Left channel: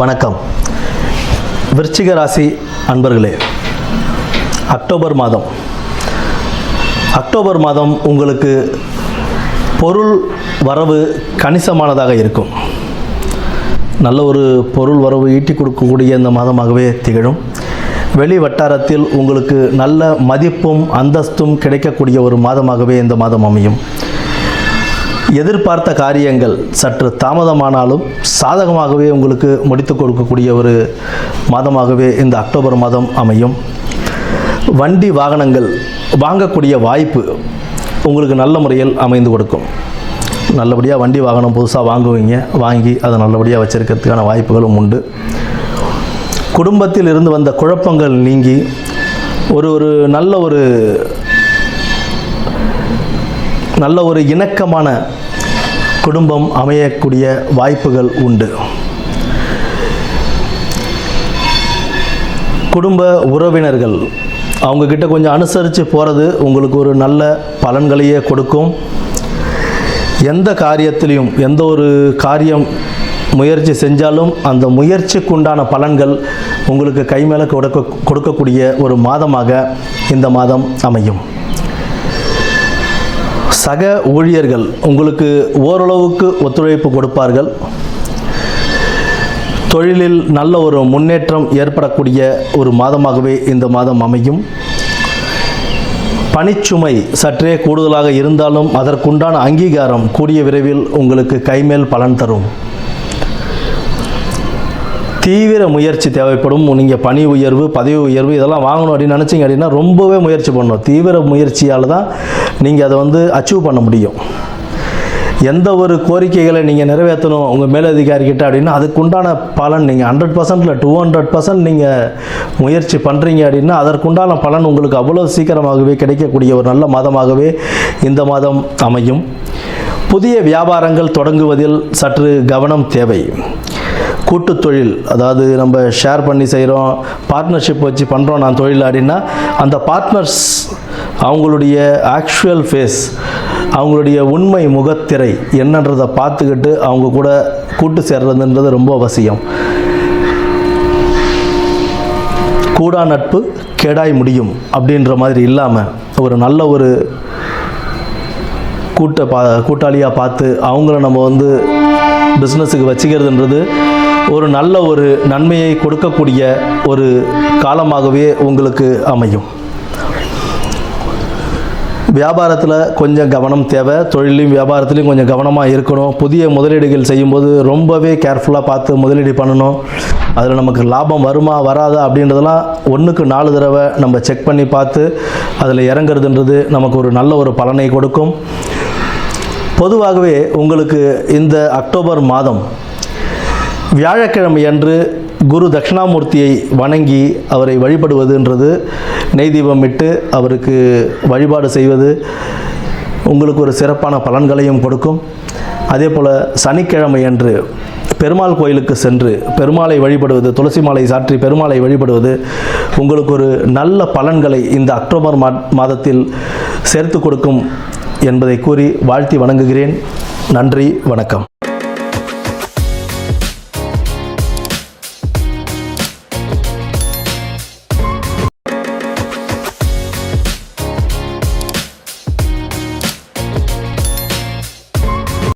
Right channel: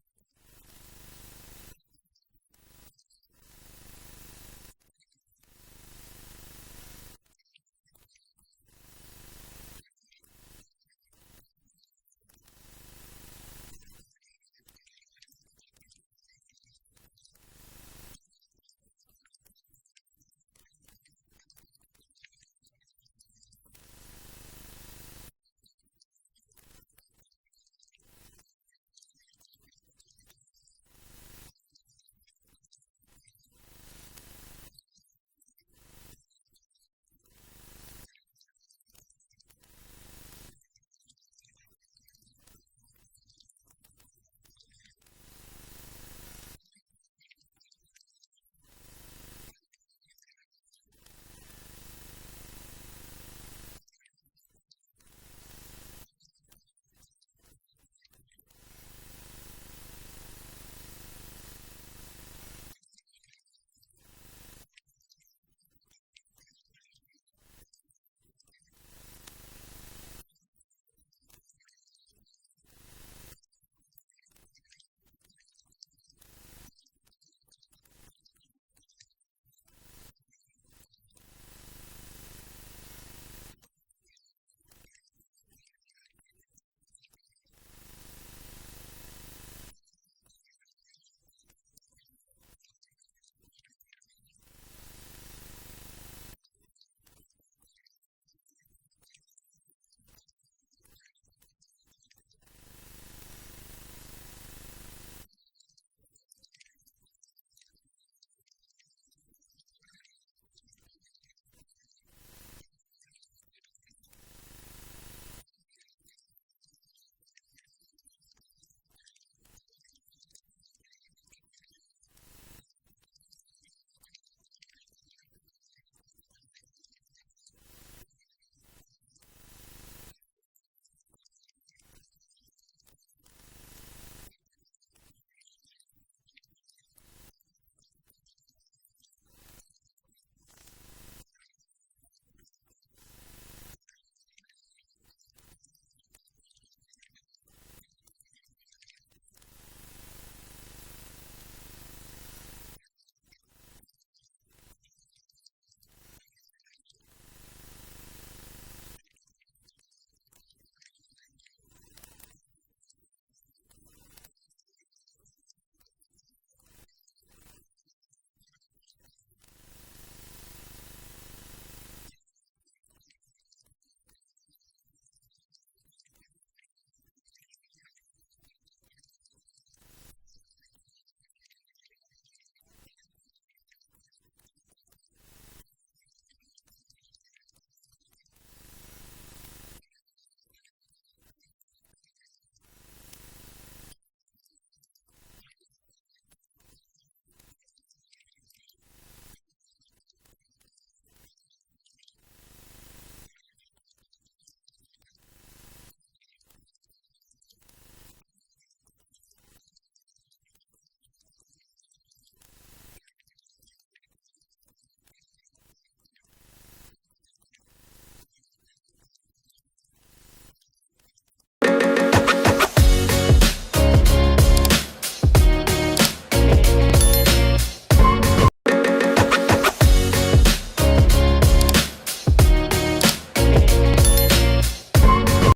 வணக்கம். விருச்சிக ராசி அன்பர்களே, அக்டோபர் மாதம் உங்களுக்கு பொருள் வரவு கணிசமானதாக இருக்கும். நல்ல ஒரு பொருள் வரவு ஈட்டி கொடுக்கக்கூடிய இந்த மாதமாகவே திகழும். வெளி வட்டாரத்தில் உங்களுக்கு நல்ல மதிப்பும் அந்தஸ்தும் கிடைக்கக்கூடிய ஒரு மாதமாகவே இந்த மாதம் அமையும். எதிர்பார்த்த காரியங்கள் சற்று தாமதமானாலும் சாதகமாகவே உங்களுக்கு முடித்து கொடுக்கக்கூடிய ஒரு மாதமாகவே இந்த அக்டோபர் மாதம் அமையும். வண்டி வாகனங்கள் வாங்கக்கூடிய வாய்ப்பு உங்களுக்கு நல்ல முறையில் அமைந்து கொடுக்கும். நல்லபடியாக வண்டி வாகனம் புதுசாக வாங்குவீங்க, வாங்கி அதை நல்லபடியாக வச்சிருக்கிறதுக்கான வாய்ப்புகளும் உண்டு. குடும்பத்தில் இருந்து வந்த குழப்பங்கள் நீங்கி நல்ல ஒரு இணக்கமான குடும்பம் அமையக்கூடிய வாய்ப்புகள் உண்டு. குடும்ப உறவினர்கள் அவங்கக்கிட்ட கொஞ்சம் அனுசரித்து போகிறது உங்களுக்கு ஒரு நல்ல பலன்களையே கொடுக்கும். எந்த காரியத்திலையும் எந்த ஒரு காரியம் முயற்சி செஞ்சாலும் அந்த முயற்சிக்குண்டான பலன்கள் உங்களுக்கு கை மேலே கொடுக்கக்கூடிய ஒரு மாதமாக இந்த மாதம் அமையும். சக ஊழியர்கள் உங்களுக்கு ஓரளவுக்கு ஒத்துழைப்பு கொடுப்பார்கள். தொழிலில் நல்ல ஒரு முன்னேற்றம் ஏற்படக்கூடிய ஒரு மாதமாகவே இந்த மாதம் அமையும். பணிச்சுமை சற்றே கூடுதலாக இருந்தாலும் அதற்குண்டான அங்கீகாரம் கூடிய விரைவில் உங்களுக்கு கைமேல் பலன் தரும். தீவிர முயற்சி தேவைப்படும். நீங்கள் பணி உயர்வு, பதவி உயர்வு இதெல்லாம் வாங்கணும் அப்படின்னு நினச்சிங்க அப்படின்னா ரொம்பவே முயற்சி பண்ணணும். தீவிர முயற்சியால் தான் நீங்கள் அதை அச்சீவ் பண்ண முடியும். எந்த ஒரு கோரிக்கைகளை நீங்கள் நிறைவேற்றணும் உங்கள் மேலதிகாரிக்கிட்ட அப்படின்னா அதுக்குண்டான பலன் நீங்கள் 100% 200% நீங்கள் முயற்சி பண்ணுறீங்க அப்படின்னா அதற்குண்டான பலன் உங்களுக்கு அவ்வளோ சீக்கிரமாகவே கிடைக்கக்கூடிய ஒரு நல்ல மாதமாகவே இந்த மாதம் அமையும். புதிய வியாபாரங்கள் தொடங்குவதில் சற்று கவனம் தேவை. கூட்டுத் தொழில், அதாவது நம்ம ஷேர் பண்ணி செய்கிறோம், பார்ட்னர்ஷிப் வச்சு பண்ணுறோம் நான் தொழில் அப்படின்னா அந்த பார்ட்னர்ஸ் அவங்களுடைய ஆக்சுவல் ஃபேஸ், அவங்களுடைய உண்மை முகத்திரை என்னன்றதை பார்த்துக்கிட்டு அவங்க கூட கூட்டு சேர்றதுன்றது ரொம்ப அவசியம். கூடா நட்பு கேடாய் முடியும் அப்படின்ற மாதிரி இல்லாமல் ஒரு நல்ல ஒரு கூட்டாளியாக பார்த்து அவங்கள நம்ம பிஸ்னஸுக்கு வச்சுக்கிறதுன்றது ஒரு நல்ல ஒரு நன்மையை கொடுக்கக்கூடிய ஒரு காலமாகவே உங்களுக்கு அமையும். வியாபாரத்தில் கொஞ்சம் கவனம் தேவை. தொழிலையும் வியாபாரத்துலேயும் கொஞ்சம் கவனமாக இருக்கணும். புதிய முதலீடுகள் செய்யும்போது ரொம்பவே கேர்ஃபுல்லாக பார்த்து முதலீடு பண்ணணும். அதில் நமக்கு லாபம் வருமா வராதா அப்படின்றதெல்லாம் 1க்கு 4 தடவை நம்ம செக் பண்ணி பார்த்து அதில் இறங்குறதுன்றது நமக்கு ஒரு நல்ல ஒரு பலனை கொடுக்கும். பொதுவாகவே உங்களுக்கு இந்த அக்டோபர் மாதம் வியாழக்கிழமை அன்று குரு தட்சிணாமூர்த்தியை வணங்கி அவரை வழிபடுவதுன்றது, நெய் தீபம் இட்டு அவருக்கு வழிபாடு செய்வது உங்களுக்கு ஒரு சிறப்பான பலன்களையும் கொடுக்கும். அதே போல் சனிக்கிழமை அன்று பெருமாள் கோயிலுக்கு சென்று பெருமாளை வழிபடுவது, துளசி மாலை சாற்றி பெருமாளை வழிபடுவது உங்களுக்கு ஒரு நல்ல பலன்களை இந்த அக்டோபர் மாதத்தில் சேர்த்து கொடுக்கும் என்பதை கூறி வாழ்த்தி வணங்குகிறேன். நன்றி, வணக்கம்.